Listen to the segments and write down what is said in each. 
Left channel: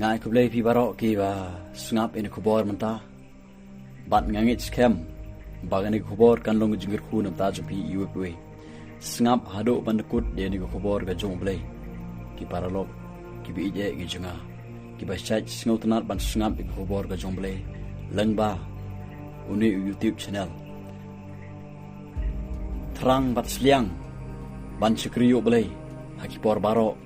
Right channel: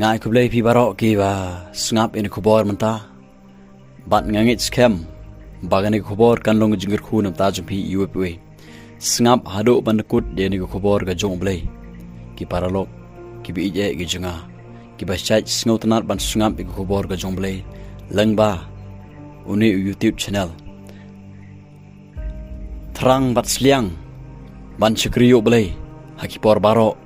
Ngai ku blei pi barok ki ba sngap in kubor menta bat ngangit skem bagani kubor kan long jingir khu nam ta jumpi iwepwe sngap hado bandkut de ni kubor ga jong blei ki paralok ki bi je gi junga ki ba chai sngot nat ban sngap i kubor ga jong blei langba uni YouTube channel terang bat sliang ban chikriyo blei hakipor barok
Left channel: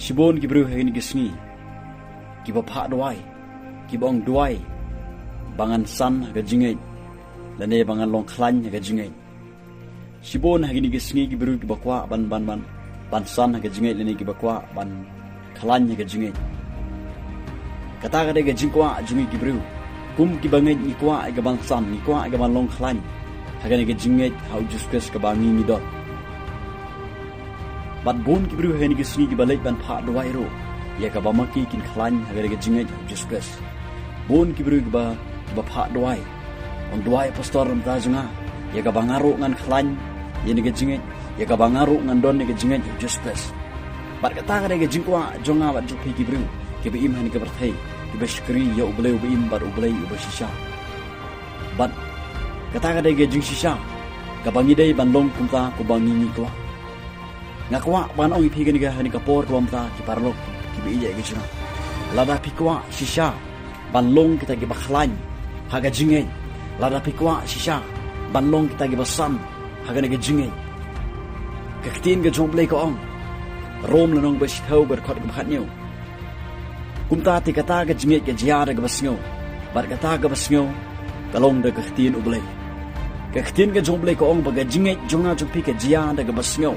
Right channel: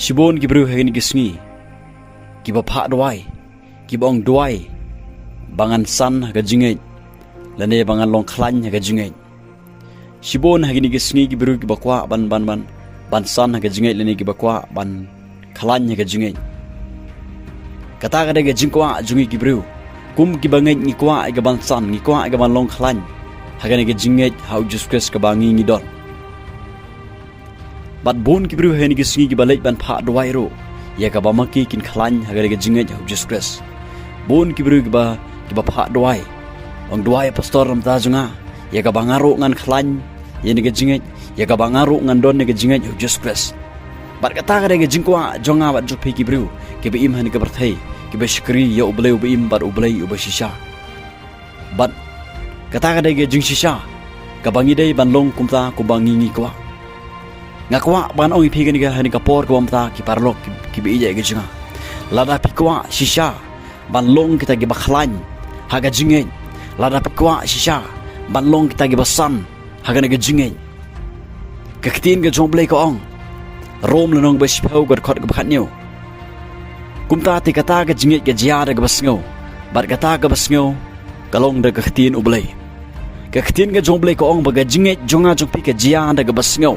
Sibon ki bru hagin gisngi ki ba pha dwai ki bong dwai bangan san haga jingngeit lane bangan long khlan haga jingngeit Sibon hagin gisngi ki bru ki ba kwah ban san haga jingngeit lane ki ba kwah ban khlan haga jingngeit kata ga de ga jingkwa jungi ki bru kum ki bangai ni kwah ga ban san ni kwah ga ban long khlan haga ne ga jingngeit how juskus ka bangi ni don Bat bon ki bru hen ki sngi ki balai ban pha dwai ro ya ka ba maki kin khlan haga ga jingngeit hu juskus bon ki bru ki ba pha dwai ong dwai pastor ram ta junga ya ka bangaro ngan khlan ya ni ga jingngeit ya ka bangaro ngan don ni ga jingngeit hu juskus bat kata ga jingkwa jonga bat jupi ki bru ki ba im han ka berthai ki ba shkri ya ublei im bat ublei u ba shisha bat kata ga jing shisha ka bangi dei ban long kumta ku bangi ni kwa ngakwa ban oi phi ga hani kapor ko amta ki parlok ki bi je ga jinga lada pikwa shisha ban long kita gi bakhlan haga jingngeit lada pikwa shisha ban long kita gi basan haga ga jingngeit ka ktin ga jomblei ko ong rom lenong ba shpeu ga khot ga bakhatnyo kumta ti kata ga jingngeit ga jia ga basngo bar kata ga basngo kalong da ka ktin ublei ka ktin ga jomblei ko ong ba ga jingngeit jonga jokpi ka jia ga basngo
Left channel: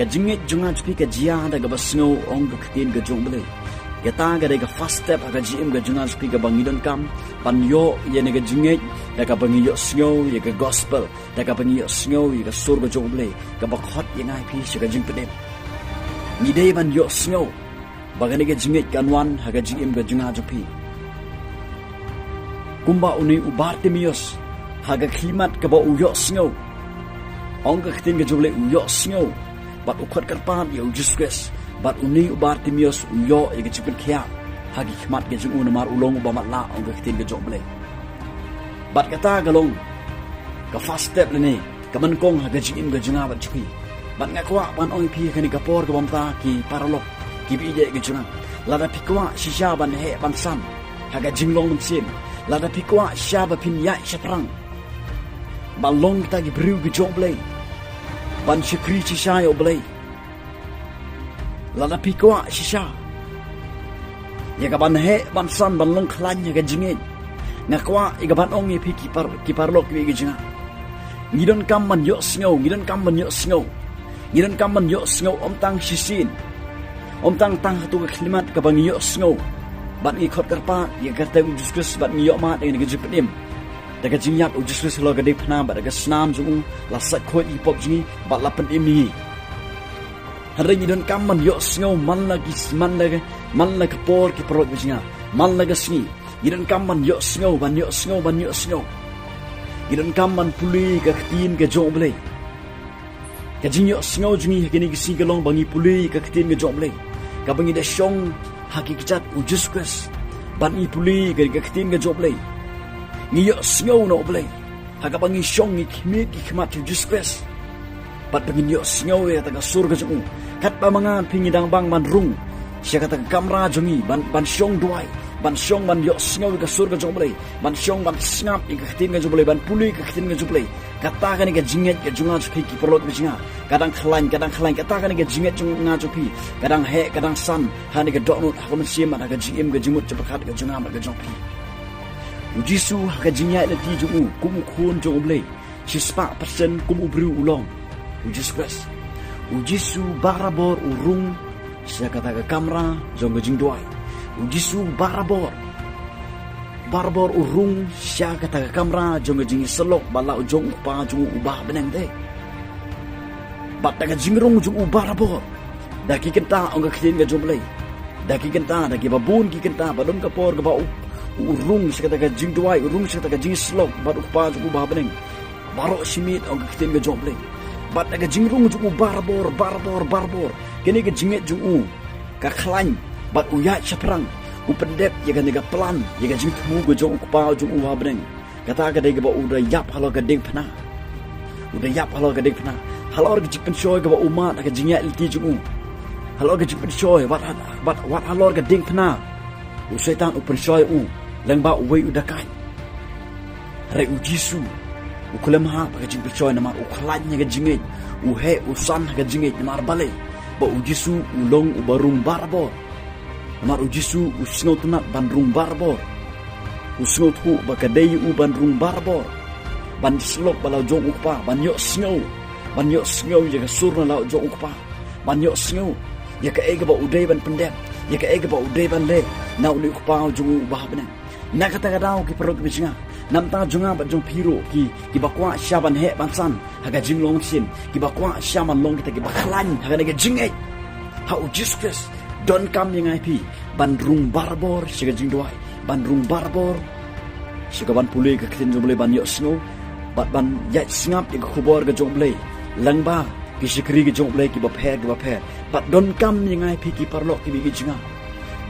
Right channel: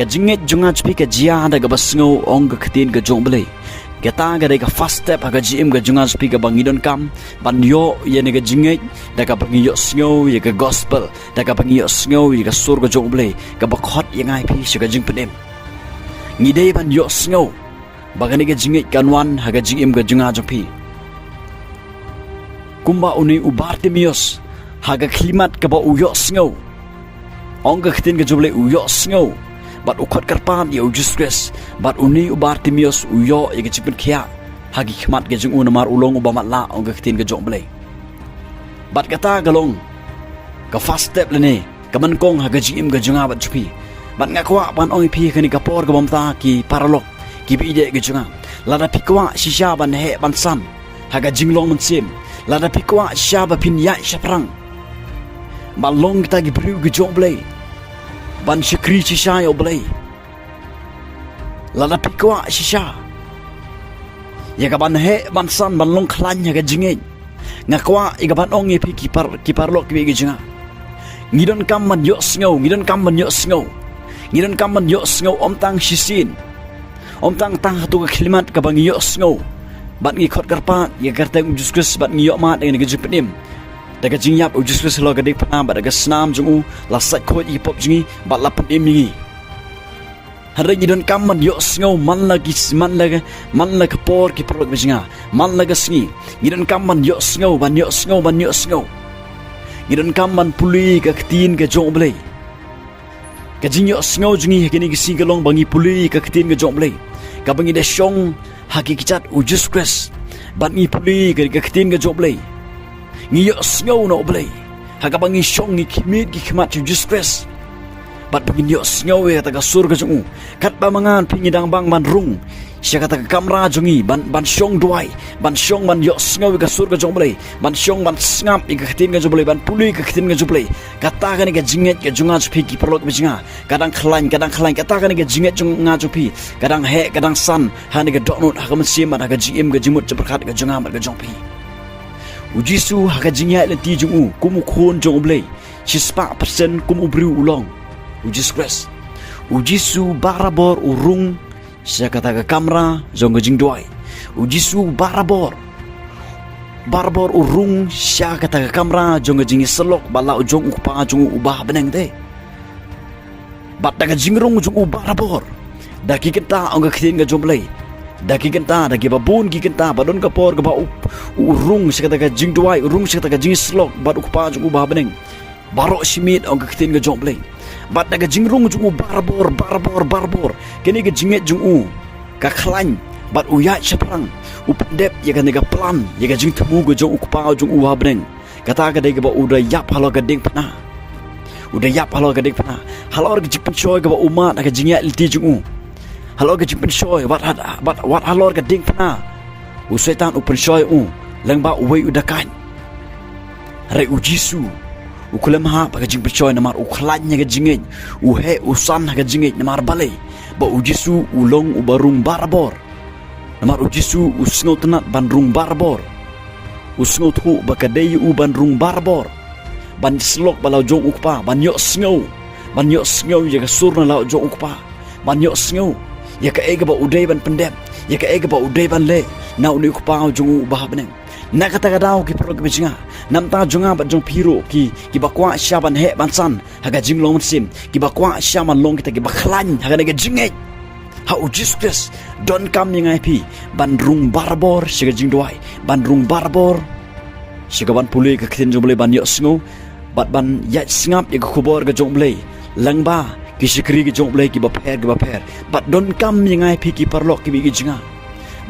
ka jingngeit junga chpi ka jia da ga basngo ong ga khatin ga jomblei ka ta ga ga first step ga jim ga junga chpi ga bangidon kam ban yo ye ne ga jingngeit da ga bangi yo sngo ye ga gospel da ga bangi yo sngo ye ga sur ga jomblei ga ba khot ye ngai phi shi ga jing penem ngi dei ban yo sngo ba ga ne ga jingngeit kanwan ha ga jim ga junga chpi kumba uni ubartimios ha ga klimat ka ba u yo sngo ong ga khatin ga jomblei u yo sngo bat ukhat karpan ya ujustres bat uni ubartimios uyo ya ga chipin khia hagi khmat ga jung unamar ulong ubamat la ong ga ktin ga jomblei bat kata galong ka first step lene kaman kong haga jim ga junga bat chupi bat ngakwa ban oi phi khani ka por ga bamta ki paralok ki bi de ga junga lada pikwa shisha ban he ban san haga jinglong mun sim lada pikwa sha ba pin ya shaprang ban long ta gi bru ga jomblei ban shikri shisha yo blei lada pikwa shisha ya ga ban he ban san ban long khlan ya ga jingngeit ngakwa iga ban ong ye phi ki parlok ki ga jinga ngidon kam man yo sngo ngidon kam man yo sngo ngidon kam man yo sngo om tang shisin om tang hatu ga klimat ka bang yo sngo bat ngi khot karpa ya garta diskus bat ngi yo ma de ga jipnim daga jingyap ujuskus lo ga de phana ba daga snam jungu la sat khot i pop jingi ba la pan emi hare ni don kam man yo sngo man la ka por ki prot bijinga man la ga sngi ni don kam man yo sngo ban yo sngo ni don kam man puli ka ktin ga jomblei ka jing yo sngo jungi hekini gi si ga long bangi puli ka ktin ga jomblei ka bangi de shong hakikichat ujuskus ban ni puli ka ktin ga jomblei ngi yo sngo no blei haga bangi shong ni khimit gi khmat ju stress bat bangi yo sngo we ta ga sur ga jungu kat ba mangan pingi dang bang man rung sia kata ka kamera jungi ban shong duai ban shong ban yo sngo ga sur ga jong blei ban shong ban snap i ga khatin ga joblei ban puli ga khatin ga joblei kata ga ni ga jingngeit ga junga chpi ki perlot bijinga kadang khlan kata ga ni ga jingngeit junga chpi kadang he kadang san ha ni ga donut ha ga msim ha ga gm ga jimut chaprakat ga junga mar ga jongpi Ujisu haga jingya le ti jungu kumu khon jomblei chispa persen kumu bru ulong ujis press ujisu barabor urung sia kata ka kamera jong jingduwai ujisu barabor urung sia kata ka kamera jong jingi selok bala ujong upa jong ubah beneng de bat daga jingrong jong barabor daki kenta ong ga khin ga jomblei daki kenta daki babun ki kenta badon ka por ka ba urung sekata ka jingduwai urung sekata ka jing slok bat ukpa ju ba beneng baro simit ong ka ktin ga jomblei bat naga jingrung jung barbor kini ga jingngeit jung ka khlany bat uyat shaprang upendep ya ga nega plan ya ga jing temu ga jung ukpa jung habneng kata ga dega ba udah yap halo ga ding pana halor ga jipen shoy ga ba uma naga jingngeit lti jung halor ga jipen shoy wat halor ga ding pana usetan upen shoy langba uwei udakan re ujisu ukulemaha paga jing percoy namar ukhlanya ga jingngeit uhe usan ga jingngeit namar balai ba ujisu ulong ubarung barbor namar ujisu usngot na bandrung barbor usngot hu bakadai bandrung barbor ban slok balau jong ukpa ban yok sngow ya ga surna lau jong ukpa ban yok sngow ya ka ega ba udai ban pendem ya ka ega ba udai ban le na uni ukpa jong ubah beneng na kata kadau ki pro ki bijinga namta jonga ba jong piro ki bakwa syaban he bansan haga jinglong sim ki bakwa syaman long kita ki bakhlan haga nega jingngeit ha ujispes don kam yang ip bandrung barbor siga jingduwai bandrung barbor siga ban pule ka khin jomble ban yo sngo bat ban ya sngap ya khubor ga jomble langba ki sikri ga jomble ki ba pher bat don kam yang ip ki parlok ki bi jinga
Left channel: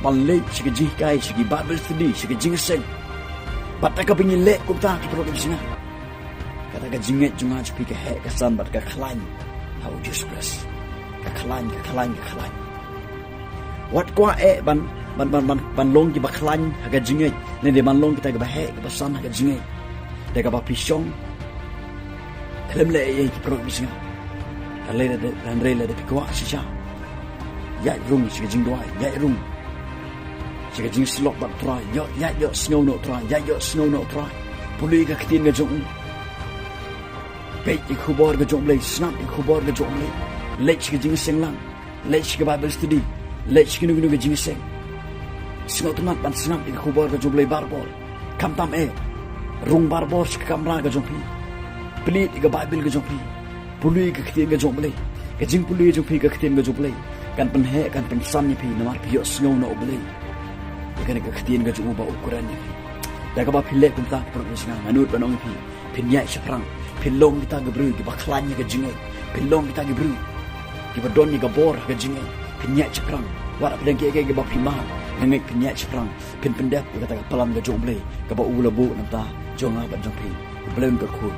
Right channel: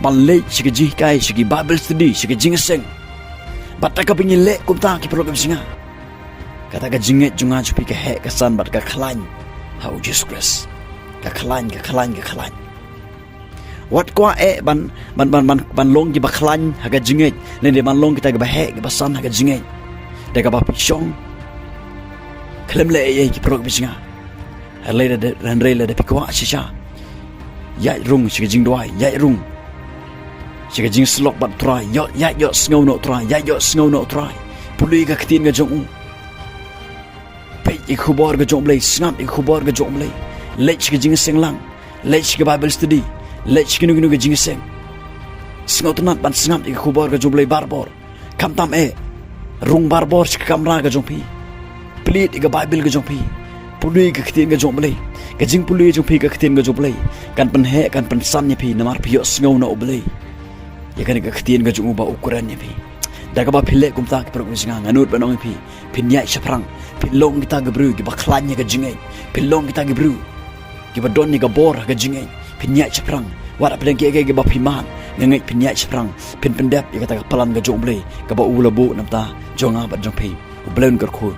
ban le sigi jikai sigi bible study sigi jingeseng bata ka pingin le kumta ki program singa kata ka jingngeit junga chupi ka he kasan bat ka khlany ha Jesus Christ ka khlany wat kwa ban long ki ba khlany ha ka jingngeit ne de ban long kita ka ba he ka basan ha ka jingngeit de ka ba pishong klem le ye ki program singa haleda de ranrela de pikwa shisha ya rung sigi jingduai ya rung siga jing slok bat try yo snow no try puli ga ktin ga jong pe ikhubar ga jong blai snap ikhubar ga jong blai lech ga jing senglang lech ga bible study lech ga nu ga jing seng snow tnat ban snap ikhubar ga jong blai barbor kam tam rung barbor sik kamra ga jong pi plit ga bible ga jong pi puli ga ktin ga jong blai ga jing puli jong pi ga ktin ga jong blai kan pen he kan pen san ni pi namar pi yo snow no blai ya kan ka khtien ga jungu ba ukuran ni pi daga ba phile kum ta ki pro singa nganut banong pi pinya shaprang pilong kita ga bru ki ba khlanya ga jingei pilong kita ga bru ki ba don ni ga bor ga jingei pinya shaprang wara pedang ki ga ba pi ma ngai pinya shaprang pin pendap ya kata palan ga jong blei ka ba ulabu namta jonga ba jong pi blem gar khu